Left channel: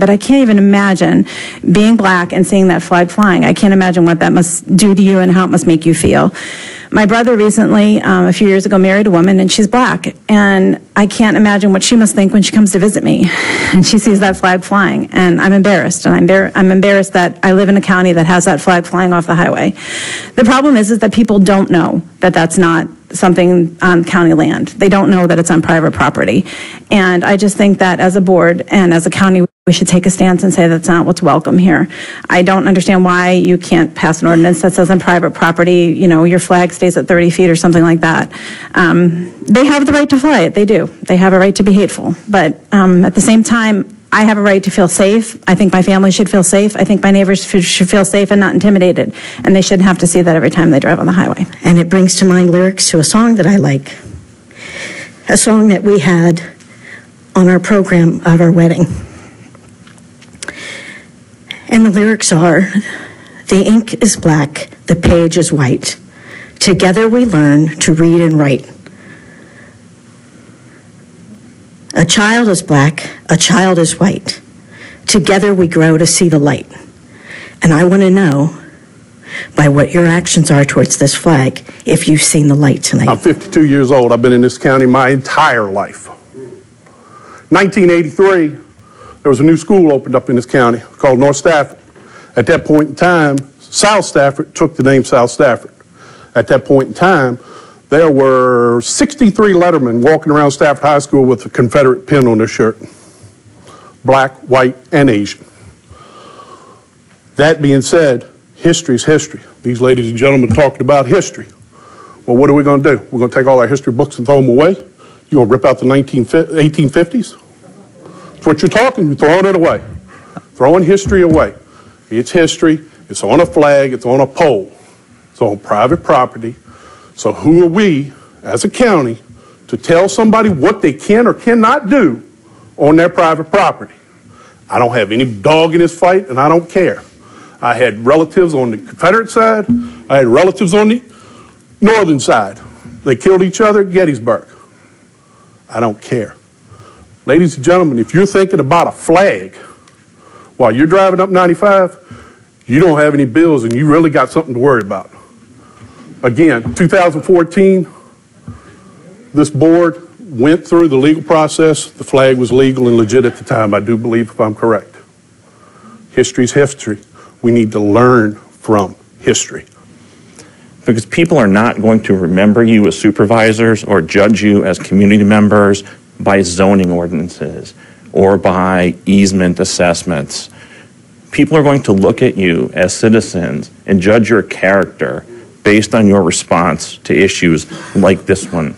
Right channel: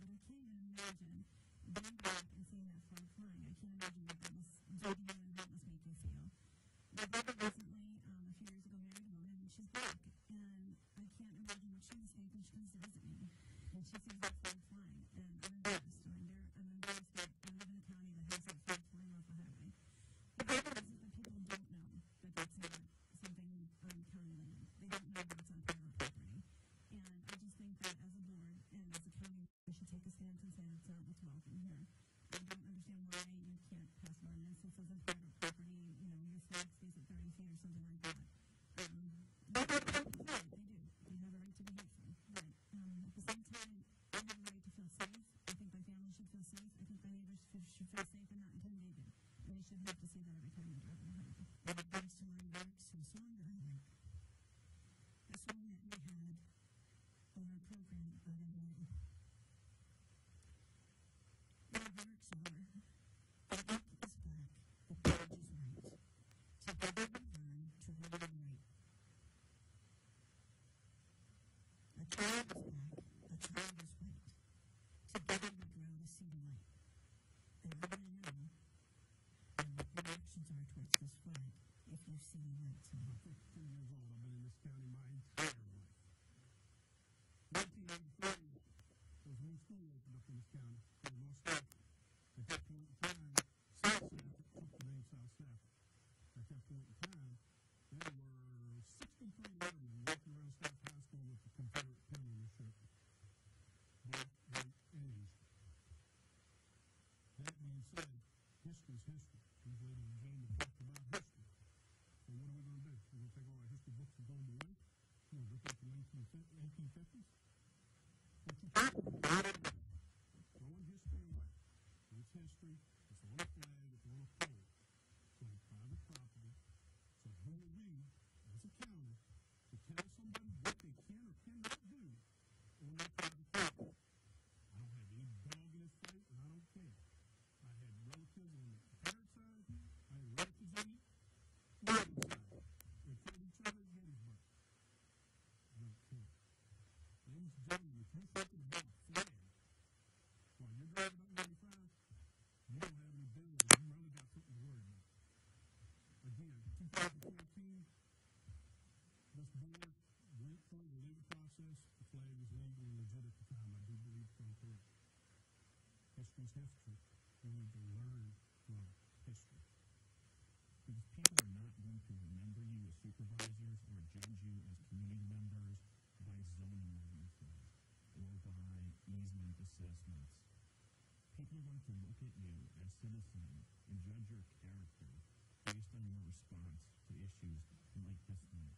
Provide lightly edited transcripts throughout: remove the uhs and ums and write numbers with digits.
But I can't even imagine being black and seeing that flag flying. I can't imagine what that must do to you and how it must make you feel. My brother recently, a few years ago, married a woman, and she's black. And I can't imagine what she must think when she comes to visit me and she sees that flag flying. And I'm embarrassed. And I'm embarrassed that I live in a county that has that flag flying off the highway. The problem is that people don't know that that's not something on county land. They don't know that it's on private property. And I just think that as a board and as a county, we should take a stance and say that's not what's welcome here. I don't understand why you can't pass an ordinance that says on private property, you know, your flag stays at 30 feet or something like that. They have the right to fly it. They do. They have a right to be hateful. But at the same time, I have a right to feel safe. I think my family should feel safe. I think my neighbors should feel safe and not intimidated. And they shouldn't have to see that every time they drive on the highway. And it brings to mind lyrics to a song that I like. A song that we had on our program at our wedding. And the lyrics are, the ink is black, the page is white. Together we learn to read and write. A child is black, a child is white. Together we grow to see the light. And I want to know, by what your actions are towards this flag, if you've seen the light tonight. I'm 52 years old. I've been in this county my entire life. 1983, there was a new school opened up in this county called North Stafford. At that point in time, South Stafford took the name South Stafford. At that point in time, there were 63 lettermen walking around Stafford High School with a Confederate pin on their shirt. Black, white, and Asian. That being said, history is history. These ladies and gentlemen talking about history. Well, what are we going to do? We're going to take all our history books and throw them away? You're going to rip out the 1850s? That's what you're talking. You're throwing it away. Throwing history away. It's history. It's on a flag. It's on a pole. It's on private property. So who are we, as a county, to tell somebody what they can or cannot do on their private property? I don't have any dog in this fight, and I don't care. I had relatives on the Confederate side. I had relatives on the northern side. They killed each other at Gettysburg. I don't care. Ladies and gentlemen, if you're thinking about a flag while you're driving up 95, you don't have any bills, and you really got something to worry about. Again, 2014, this board went through the legal process. The flag was legal and legit at the time, I do believe, if I'm correct. History's history. We need to learn from history. Because people are not going to remember you as supervisors or judge you as community members by zoning ordinances or by easement assessments. People are going to look at you as citizens and judge your character based on your response to issues like this one.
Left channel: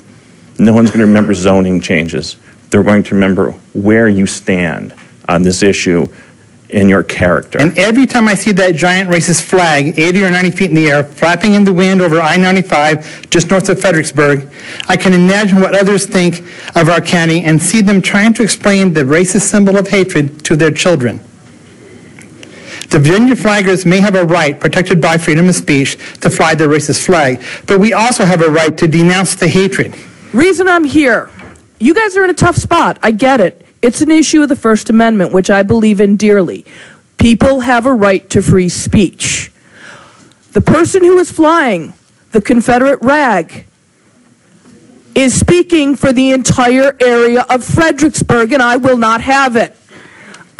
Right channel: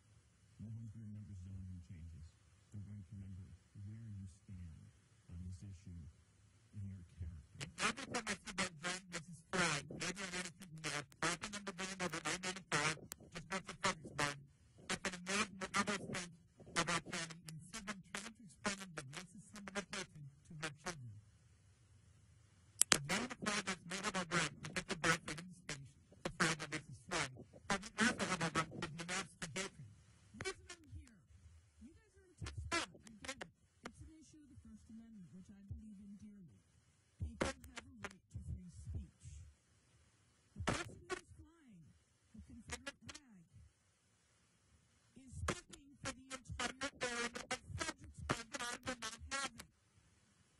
No one's going to remember zoning changes. They're going to remember where you stand on this issue in your character. And every time I see that giant racist flag, 80 or 90 feet in the air, flapping in the wind over I-95, just north of Fredericksburg, I can imagine what others think of our county and see them trying to explain the racist symbol of hatred to their children. The Virginia flaggers may have a right, protected by freedom of speech, to fly their racist flag, but we also have a right to denounce the hatred. Reason I'm here, you guys are in a tough spot. I get it. It's an issue of the First Amendment, which I believe in dearly. People have a right to free speech. The person who is flying the Confederate rag is speaking for the entire area of Fredericksburg, and I will not have it.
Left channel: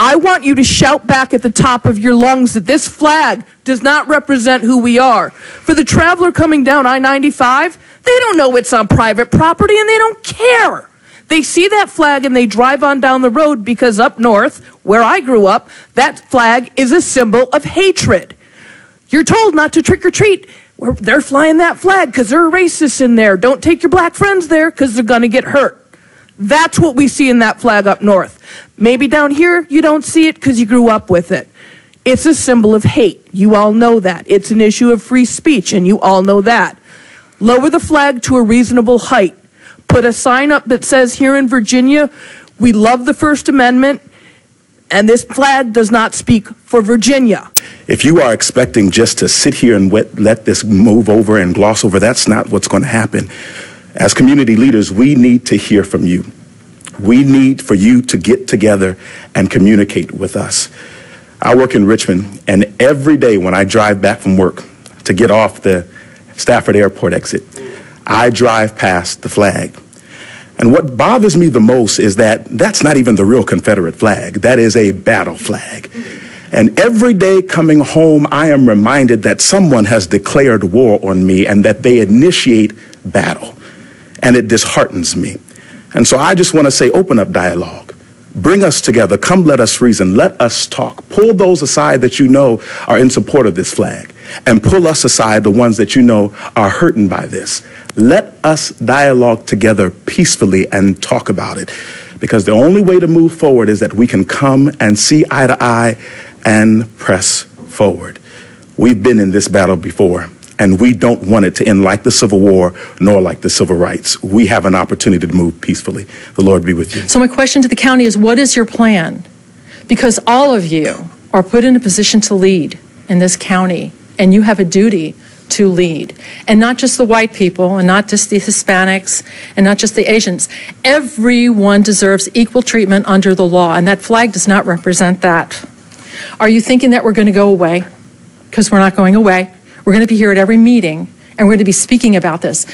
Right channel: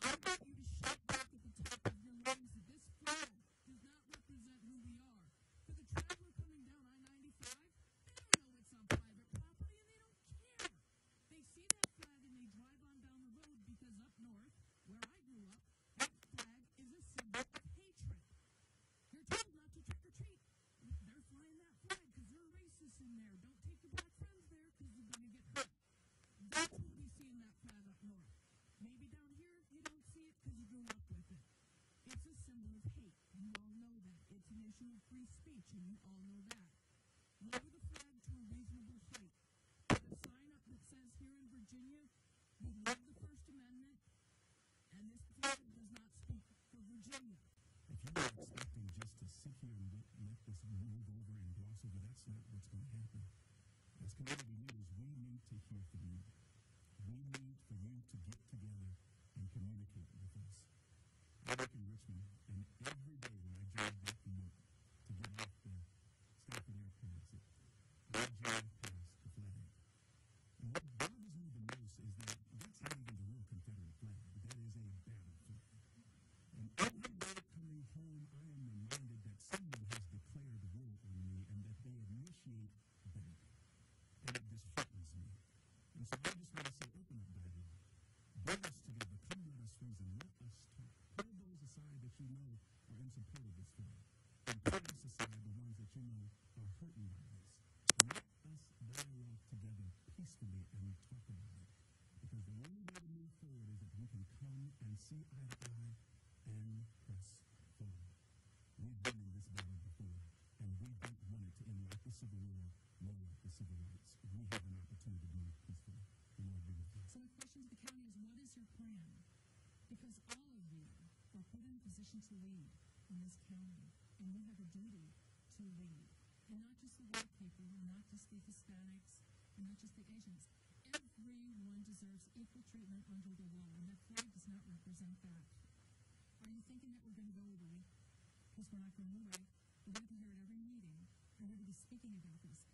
I want you to shout back at the top of your lungs that this flag does not represent who we are. For the traveler coming down I-95, they don't know it's on private property, and they don't care. They see that flag and they drive on down the road because up north, where I grew up, that flag is a symbol of hatred. You're told not to trick or treat. They're flying that flag because there are racists in there. Don't take your black friends there because they're going to get hurt. That's what we see in that flag up north. Maybe down here you don't see it because you grew up with it. It's a symbol of hate. You all know that. It's an issue of free speech, and you all know that. Lower the flag to a reasonable height. Put a sign up that says, here in Virginia, we love the First Amendment, and this flag does not speak for Virginia. If you are expecting just to sit here and let this move over and gloss over, that's not what's going to happen. As community leaders, we need to hear from you. We need for you to get together and communicate with us. I work in Richmond, and every day when I drive back from work to get off the Stafford airport exit, I drive past the flag. And what bothers me the most is that that's not even the real Confederate flag. That is a battle flag. And every day coming home, I am reminded that someone has declared war on me and that they initiate battle. And it disheartens me. And so I just want to say, open up dialogue. Bring us together. Come, let us reason. Let us talk. Pull those aside that you know are in support of this flag. And pull us aside, the ones that you know are hurting by this. Let us dialogue together peacefully and talk about it. Because the only way to move forward is that we can come and see eye to eye and press forward. We've been in this battle before, and we don't want it to end like the Civil War nor like the Civil Rights. We have an opportunity to move peacefully. The Lord be with you. So my question to the county is, what is your plan? Because all of you are put in a position to lead in this county, and you have a duty to lead. And not just the white people, and not just the Hispanics, and not just the Asians. Everyone deserves equal treatment under the law, and that flag does not represent that. Are you thinking that we're going to go away? Because we're not going away. We're going to be here at every meeting, and we're going to be speaking about this.